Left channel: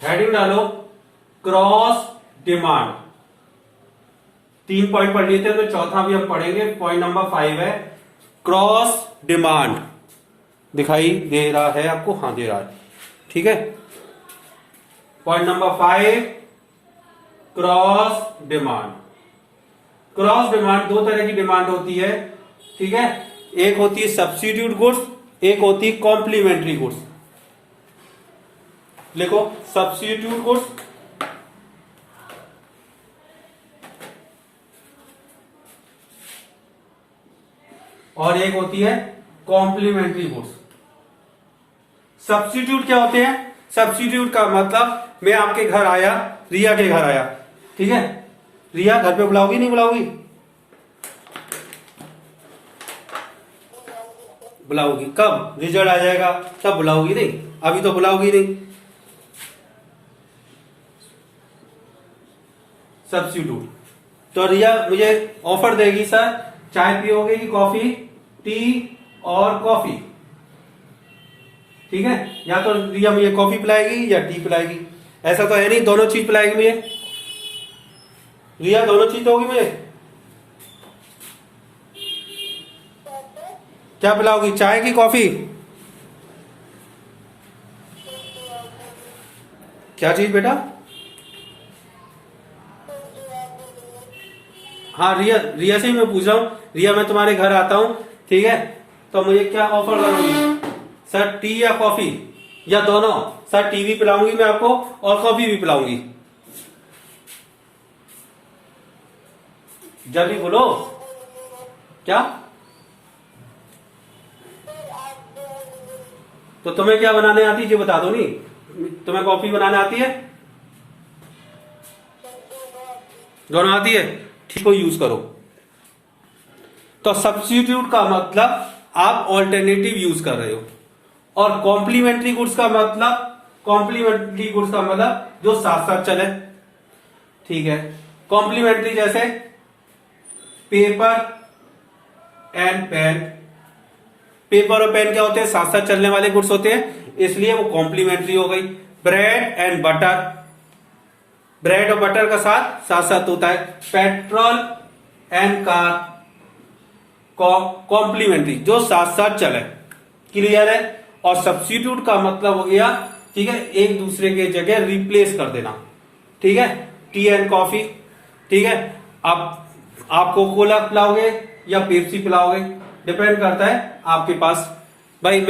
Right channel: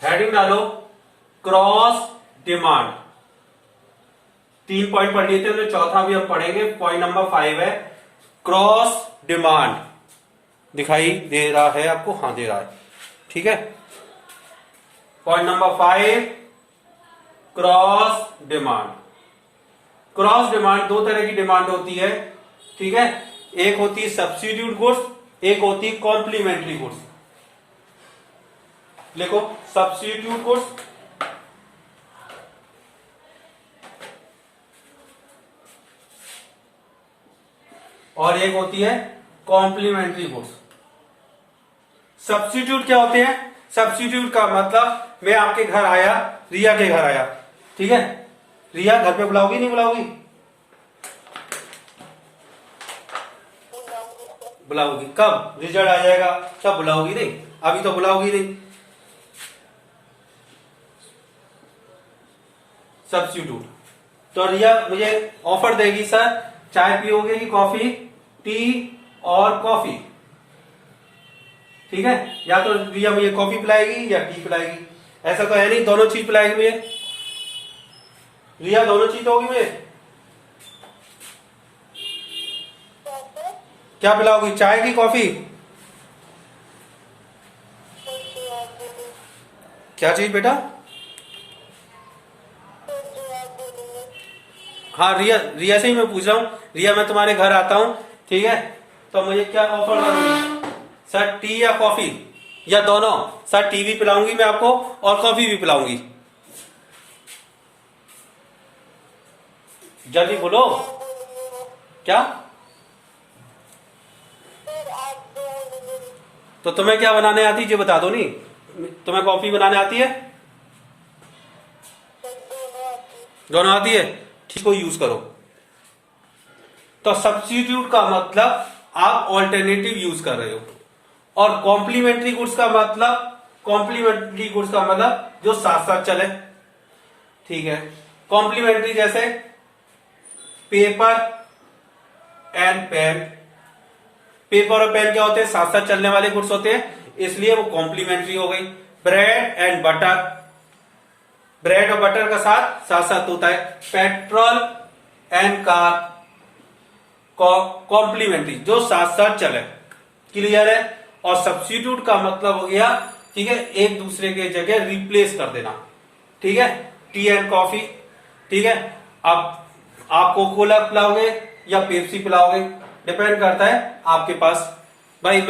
Heading डालो cross demand. 3 point पढ़ लिए थे, तो चौथा भी हम पढ़ेंगे। पॉइंट नंबर 5 है क्रॉस डिमांड। दिखाई दे रहा है आपको? हाँ दे रहा है, ठीक है। Point number 5 cross demand. Cross demand, दो तरह की डिमांड होती है, ठीक है। एक होती है सब्स्टिट्यूट गुड्स, एक होती है कॉम्प्लीमेंट्री गुड्स। लिखो सब्स्टिट्यूट गुड्स और एक होती है कॉम्प्लीमेंट्री गुड्स। सब्स्टिट्यूट क्या होते हैं? सब्स्टिट्यूट का मतलब मैं आपके घर आया, रिया के घर आया, ठीक है। रिया घर पे बुलाओगी नहीं बुलाओगी? बुलाओगी। कब रिजल्ट आ जाएगा तब बुलाओगी, नहीं अभी तो बुलाओगी नहीं। सब्स्टिट्यूट। तो रिया मुझे ऑफर देगी, सर चाय पियोगे कि कॉफी? टी और कॉफी, ठीक है। या तो रिया मुझे कॉफी पिलाएगी या टी पिलाएगी। ऐसा तो है नहीं दोनों चीज पिलाएगी मुझे। रिया दोनों चीज दोगी मुझे? क्या पिलाओगी, चाय की कॉफी? क्या चीज बेटा? हाँ रिया से ही मैं पूछ रहा हूँ। रिया मैं तुम्हारे घर आता हूँ, ठीक है, तो मुझे क्या ऑफर करोगी? सर टी या कॉफी या दोनों? सर टी भी पिलाऊंगी मैं आपको और कॉफी भी पिलाऊंगी। जल्दी बोलो। क्या? तो तुम्हें क्या बनाने आती है ये बता दो। नहीं तुम्हें कॉफी बनाने आती है? दोनों आती है, ठीक को यूज करो। तो सब्स्टिट्यूट का मतलब आप ऑल्टरनेटिव यूज कर रहे हो, और कॉम्प्लीमेंट्री गुड्स का मतलब जो साथ साथ चले, ठीक है। कॉम्प्लीमेंट्री जैसे पेपर एंड पेन। पेपर और पेन क्या होते हैं? साथ साथ चलने वाले गुड्स होते हैं, इसलिए वो कॉम्प्लीमेंट्री हो गई। ब्रेड एंड बटर, ब्रेड और बटर का साथ साथ होता है। पेट्रोल एंड कार, कॉम्प्लीमेंट्री, जो साथ साथ चले। क्लियर है? और सब्स्टिट्यूट का मतलब हो गया, ठीक है, एक दूसरे के जगह रिप्लेस कर देना, ठीक है। टी एंड कॉफी, ठीक है। अब आप कोकोला पिलाओगे या पेप्सी पिलाओगे, डिपेंड करता है आपके पास। भाई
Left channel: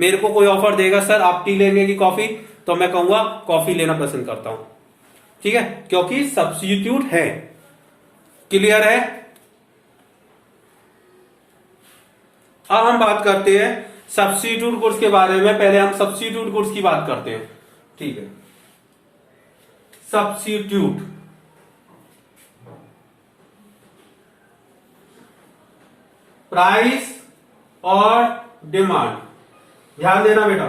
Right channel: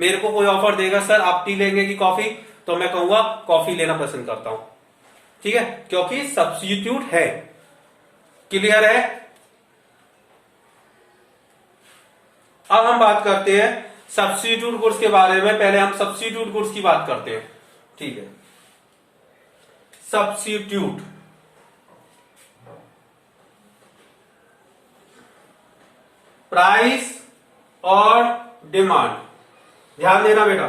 मेरे को कोई ऑफर देगा, सर आप टी लेंगे कि कॉफी, तो मैं कहूंगा कॉफी लेना पसंद करता हूं, ठीक है, क्योंकि सब्स्टिट्यूट है। क्लियर है? अब हम बात करते हैं सब्स्टिट्यूट गुड्स के बारे में। पहले हम सब्स्टिट्यूट गुड्स की बात करते हैं, ठीक है। सब्स्टिट्यूट, प्राइस और डिमांड। ध्यान देना बेटा,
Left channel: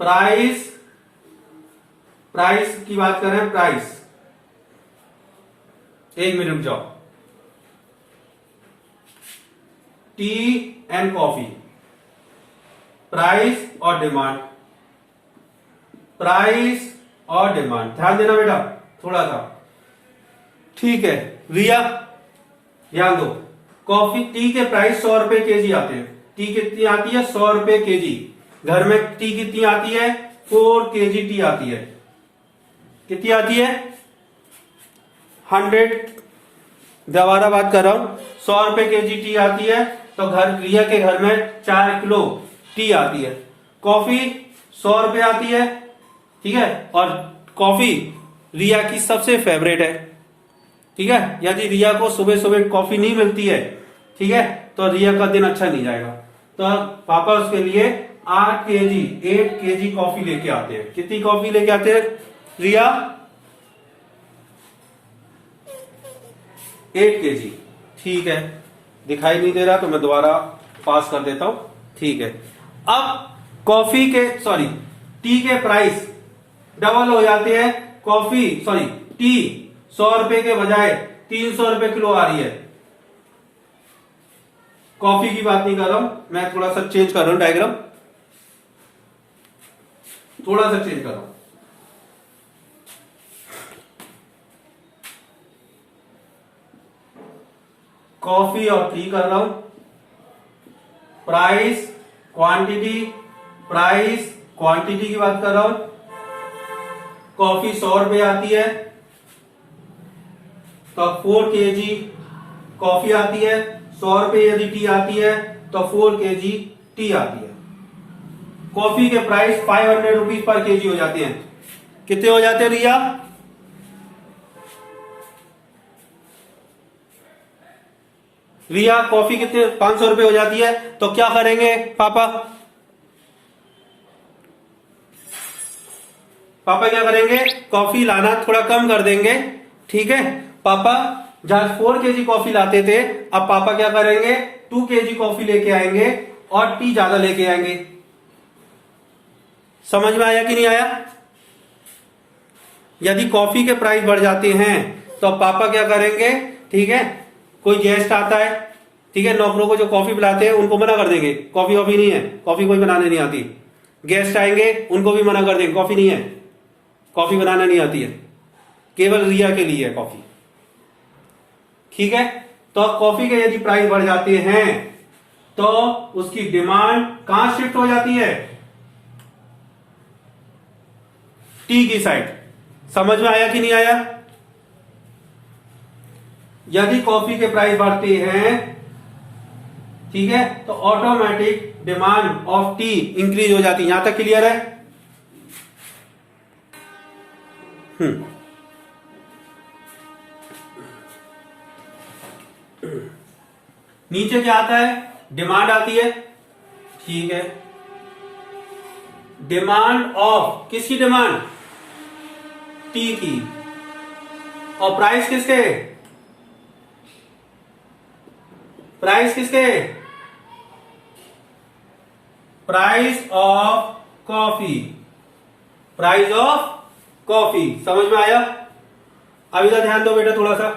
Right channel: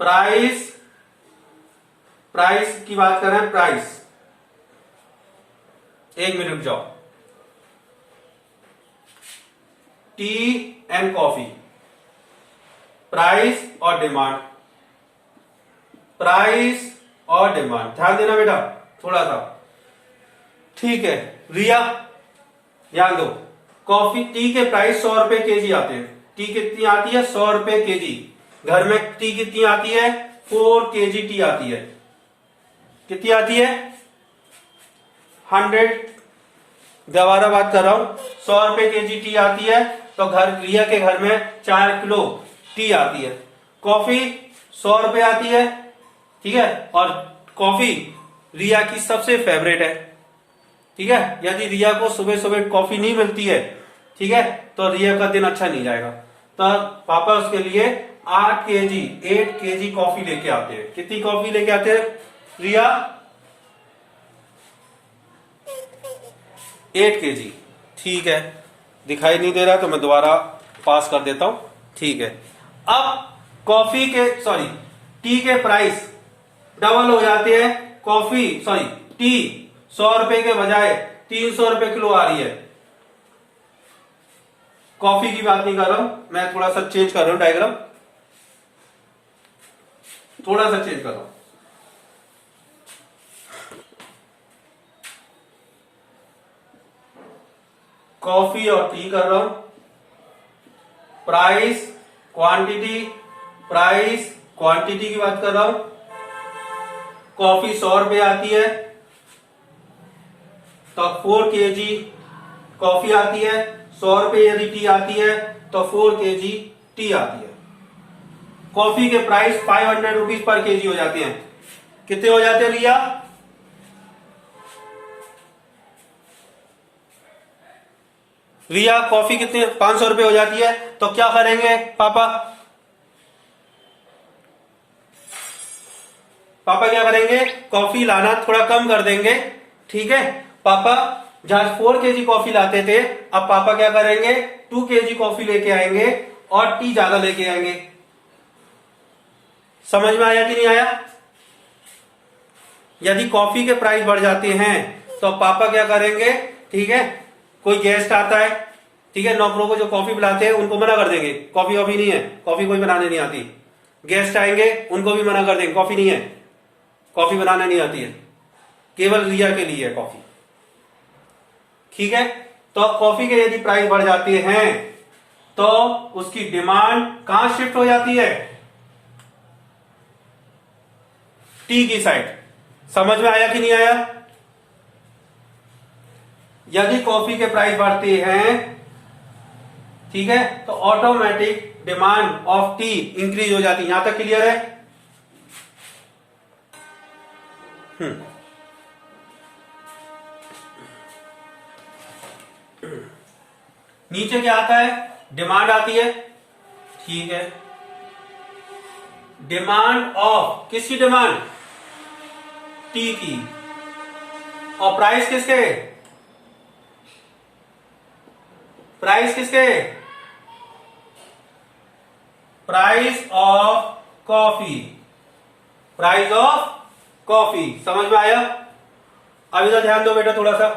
प्राइस की बात कर रहे हैं। प्राइस, एक मिनट रुक जाओ। टी एंड कॉफी, प्राइस और डिमांड, प्राइस और डिमांड। ध्यान देना बेटा थोड़ा सा, ठीक है। रिया ध्यान दो, कॉफी टी के प्राइस 100 रुपए केजी आते हैं। टी कितनी आती है? 100 रुपए केजी। घर में टी कितनी आती है? 4 केजी टी आती है। कितनी आती है? 100। दोबारा बात कर रहा हूं, 100 रुपए केजी टी आती है, तो रिया के घर में 4 किलो टी आती है। कॉफी 100 रुपए आती है, ठीक है। और कॉफी रिया की सबसे फेवरेट है, ठीक है। यदि रिया को सुबह सुबह कॉफी नहीं मिलती है, ठीक है, तो रिया का दिन अच्छा नहीं जाएगा। तो पापा उसके लिए 8 केजी कॉफी लेके आते हैं। कितनी कॉफी लेके आते हैं रिया? 8 केजी, ठीक है। दिखाई नहीं दे रहा तो मैं दोबारा पास कर देता हूं, ठीक है। अब टी के प्राइस डबल हो जाते हैं, टी 100 रुपए के बजाय 300 रुपए किलो आ रही है। कॉफी की बात नहीं कर रहा हूं मैं, थोड़ा सा चेंज कर रहा हूं डायग्राम, थोड़ा सा चेंज कर रहा हूं। कॉफी और टी कर रहा हूं, प्राइस क्वांटिटी की बात कर रहा हूं। कॉफी 100 रुपए आती है तो 4 kg कॉफी आती है, 100 रुपए यदि टी आती है तो 4 kg टी आती है। कॉफी के प्राइस 500 रुपीज पर केजी हो जाते हैं। कितने हो जाते हैं रिया? रिया कॉफी कितने? 500 रुपए हो जाती है। तो क्या करेंगे पापा? पापा क्या करेंगे? कॉफी लाना थोड़ा कम कर देंगे, ठीक है। पापा जहां 4 kg कॉफी लाते थे, अब पापा क्या करेंगे? 2 kg कॉफी लेके आएंगे और टी ज्यादा लेके आएंगे। समझ में आया कि नहीं आया? यदि कॉफी के प्राइस बढ़ जाते हैं तो पापा क्या करेंगे? ठीक है, कोई गेस्ट आता है, ठीक है, नौकरों को जो कॉफी पिलाते हैं उनको मना कर देंगे, कॉफी वॉफी नहीं है, कॉफी कोई बनाने नहीं आती। गेस्ट आएंगे उनको भी मना कर देंगे, कॉफी नहीं है, कॉफी बनाने नहीं आती है, केवल रिया के लिए है कॉफी, ठीक है। तो कॉफी के यदि प्राइस बढ़ जाते हैं तो उसकी डिमांड कहां शिफ्ट हो जाती है? टी की साइड। समझ में आया कि नहीं आया? यदि कॉफी के प्राइस बढ़ते हैं, ठीक है, तो automatic demand of T increase हो जाती है। यहां तक क्लियर है? नीचे क्या आता है? डिमांड आती है, ठीक है। डिमांड ऑफ, किसकी डिमांड? टी की। और प्राइस किसके? प्राइस किसके? Price of coffee, price of coffee. समझ में आया? अब इधर ध्यान दो बेटा थोड़ा सा,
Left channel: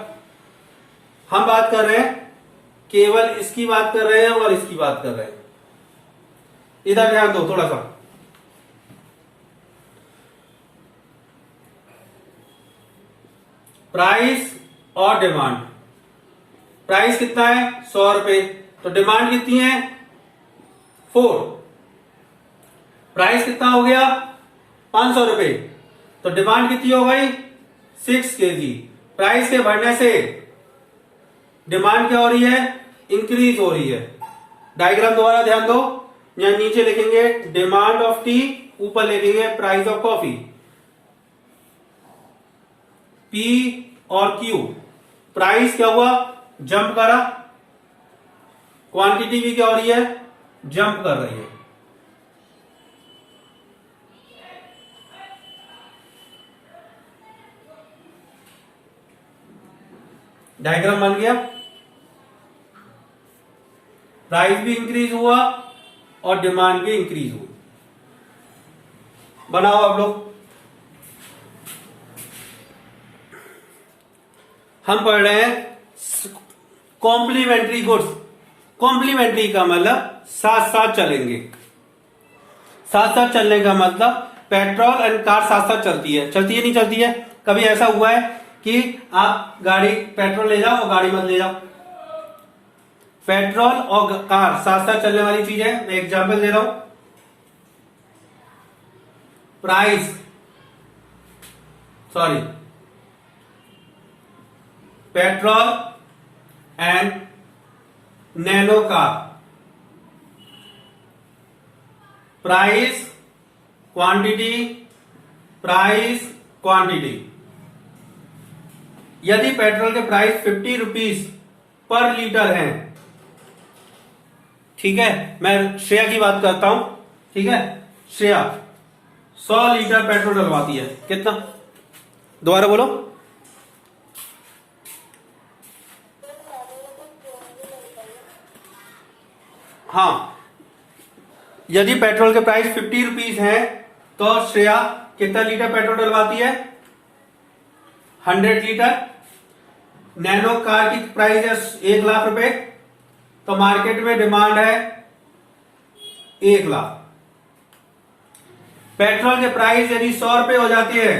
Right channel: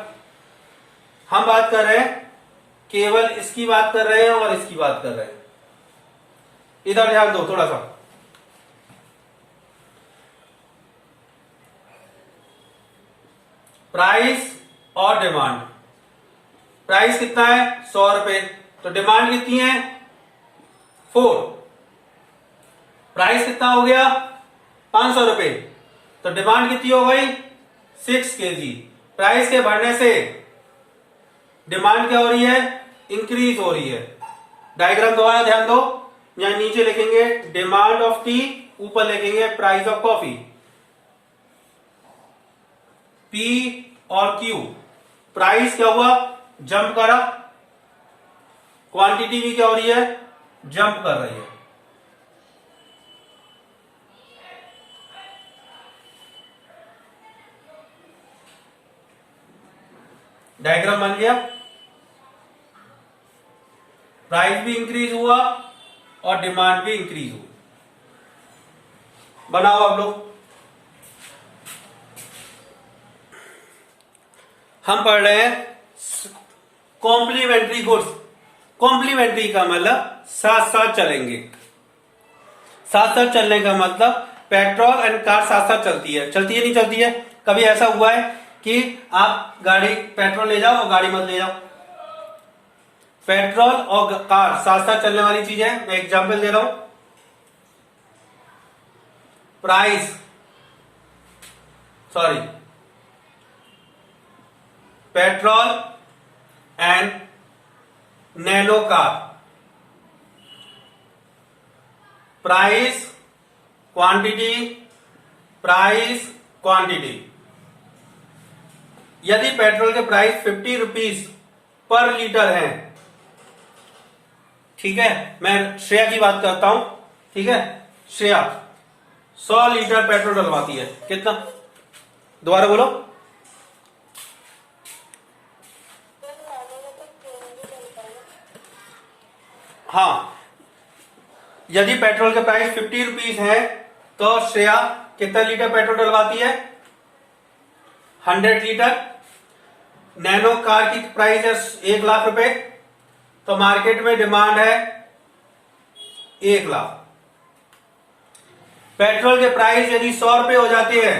हम बात कर रहे हैं, केवल इसकी बात कर रहे हैं और इसकी बात कर रहे हैं। इधर ध्यान दो थोड़ा सा। प्राइस और डिमांड। प्राइस कितना है? 100 रुपए। तो डिमांड कितनी है? 4। प्राइस कितना हो गया? 500 रुपए। तो डिमांड कितनी हो गई? 6 kg। प्राइस के बढ़ने से डिमांड क्या हो रही है? इंक्रीज हो रही है। डायग्राम दोबारा ध्यान दो, यहां नीचे लिखेंगे डिमांड ऑफ टी, ऊपर लिखेंगे प्राइस ऑफ कॉफी। पी और क्यू। प्राइस क्या हुआ? जंप करा, क्वांटिटी भी क्या हो रही है? जंप कर रही है। डायग्राम बन गया। प्राइस भी इंक्रीज हुआ और डिमांड भी इंक्रीज हुई। बनाओ आप लोग। हम पढ़ रहे हैं कॉम्प्लीमेंट्री गुड्स। कॉम्प्लीमेंट्री का मतलब साथ साथ चलेंगे। साथ साथ चलने का मतलब पेट्रोल एंड कार साथ साथ चलती है। चलती है नहीं चलती है? कभी ऐसा हुआ है कि आप गाड़ी पेट्रोल ले जाओ और गाड़ी मत ले जाओ? पेट्रोल और कार साथ साथ चलने वाली चीज है। मैं एग्जांपल दे रहा हूं। Petrol and nano car. Price quantity, price quantity. यदि पेट्रोल के प्राइस 50 रुपीज पर लीटर है, ठीक है, मैं श्रेया की बात करता हूं, ठीक है, श्रेया 100 लीटर पेट्रोल डलवाती है। कितना? दोबारा बोलो। हाँ, यदि पेट्रोल के प्राइस 50 रुपीज है तो श्रेया कितना लीटर पेट्रोल डलवाती है? 100 लीटर। नैनो कार की प्राइस है 1 लाख रुपए, तो मार्केट में डिमांड है 1 लाख। पेट्रोल के प्राइस यदि 100 रुपए हो जाती है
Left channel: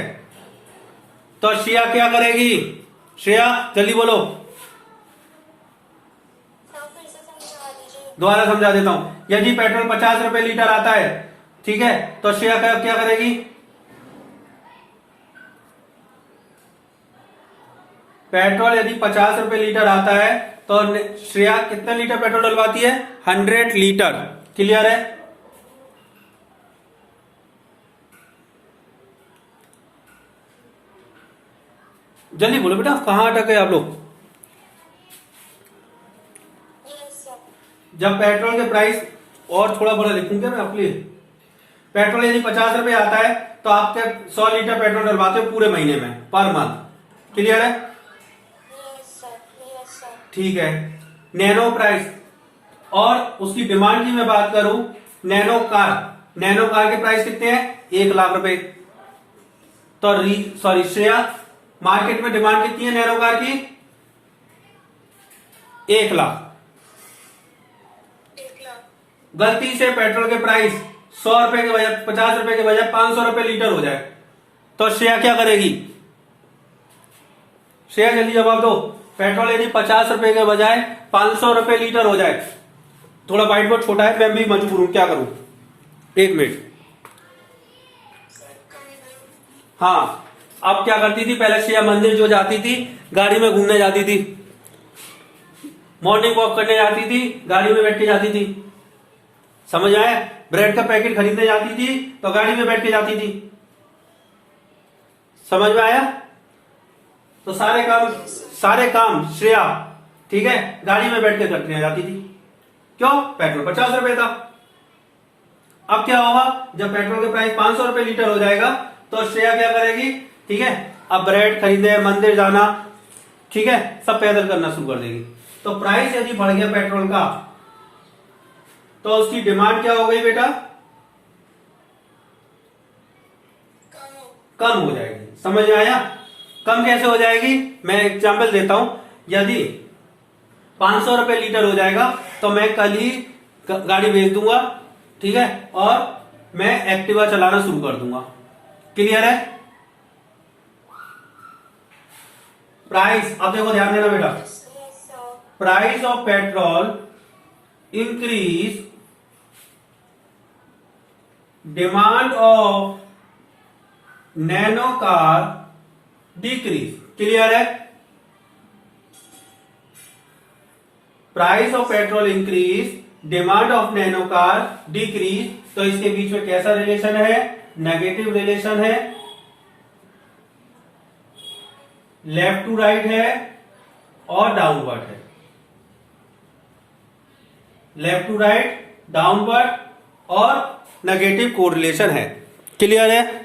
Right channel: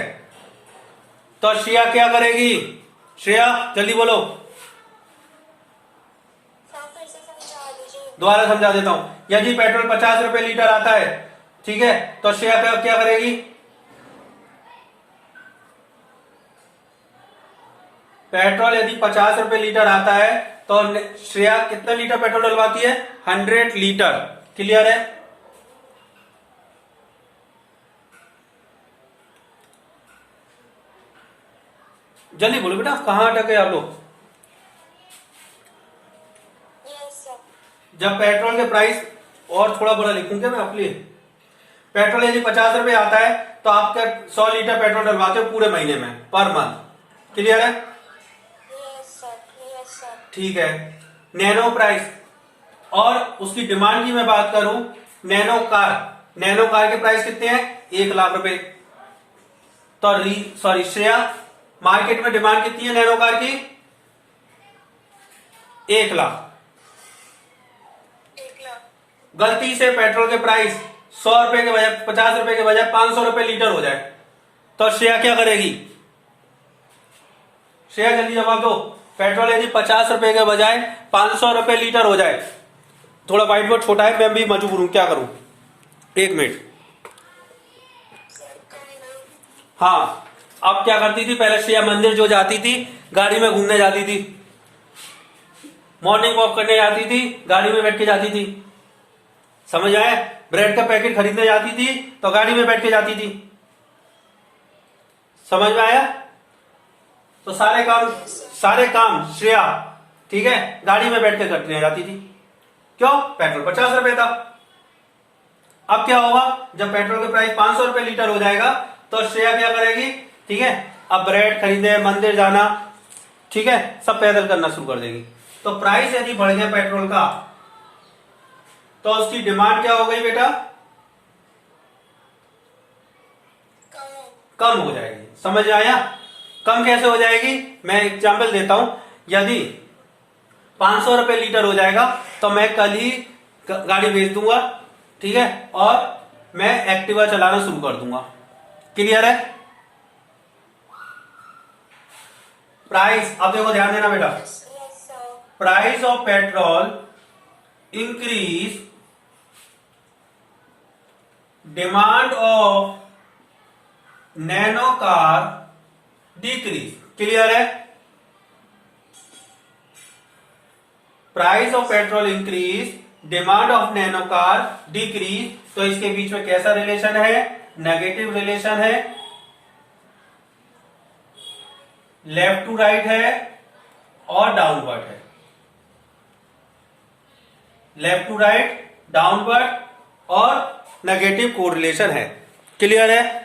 तो श्रेया क्या करेगी? श्रेया जल्दी बोलो, दोबारा समझा देता हूं। यदि पेट्रोल 50 रुपए लीटर आता है, ठीक है, तो श्रेया क्या करेगी? पेट्रोल यदि 50 रुपए लीटर आता है तो श्रेया कितना लीटर पेट्रोल डलवाती है? 100 लीटर। क्लियर है? जल्दी बोलो बेटा, कहां अटके आप लोग? जब पेट्रोल के प्राइस, और थोड़ा बड़ा लिखूं क्या मैं आपके लिए? पेट्रोल यदि 50 रुपए आता है तो आप 100 लीटर पेट्रोल डलवाते हो पूरे महीने में, पर मंथ। क्लियर है? ठीक है। नैनो प्राइस और उसकी डिमांड की मैं बात करूं, नैनो कार के प्राइस कितने हैं? 1 लाख रुपए। तो सॉरी श्रेया, मार्केट में डिमांड कितनी है नैनो कार की? 1 लाख। गलती से पेट्रोल के प्राइस 100 रुपए के बजाय 50 रुपए के बजाय 500 रुपए लीटर हो जाए तो श्रेया क्या करेगी? श्रेया जल्दी जवाब दो। पेट्रोल यदि 50 रुपए के बजाय 500 रुपए लीटर हो जाए, थोड़ा व्हाइट बोर्ड छोटा है, मैं भी मजबूर हूं, क्या करूं? 1 मिनट। हाँ, अब क्या करती थी? पहले श्रेया मंदिर जो जाती थी, गाड़ी में घूमने जाती थी, मॉर्निंग वॉक करने जाती थी, गाड़ी में बैठ के जाती थी। समझ आया? ब्रेड का पैकेट खरीदने जाती थी तो गाड़ी में बैठ के जाती थी। समझ में आया? तो सारे काम श्रेया, ठीक है, गाड़ी में बैठ के करने जाती थी। क्यों? पेट्रोल 50 रुपए था। अब क्या होगा? जब पेट्रोल के प्राइस 500 रुपए लीटर हो जाएगा तो श्रेया क्या करेगी? ठीक है, अब ब्रेड खरीदने, मंदिर जाना, ठीक है, सब पैदल करना शुरू कर देगी। तो प्राइस यदि बढ़ गया पेट्रोल का तो उसकी डिमांड क्या हो गई बेटा? कम हो जाएगी। समझ में आया? कम कैसे हो जाएगी? मैं एग्जाम्पल देता हूं। यदि 500 रुपए लीटर हो जाएगा तो मैं कल ही गाड़ी बेच दूंगा, ठीक है, और मैं एक्टिवा चलाना शुरू कर दूंगा। क्लियर है? प्राइस, अब देखो ध्यान देना बेटा, price of petrol increase, demand of Nano car decrease. Clear है? Price of petrol increase, demand of Nano car decrease. तो इसके बीच में कैसा रिलेशन है? नेगेटिव रिलेशन है, लेफ्ट टू राइट है और डाउनवर्ड है। लेफ्ट टू राइट, डाउनवर्ड और नेगेटिव कोरिलेशन है। क्लियर है?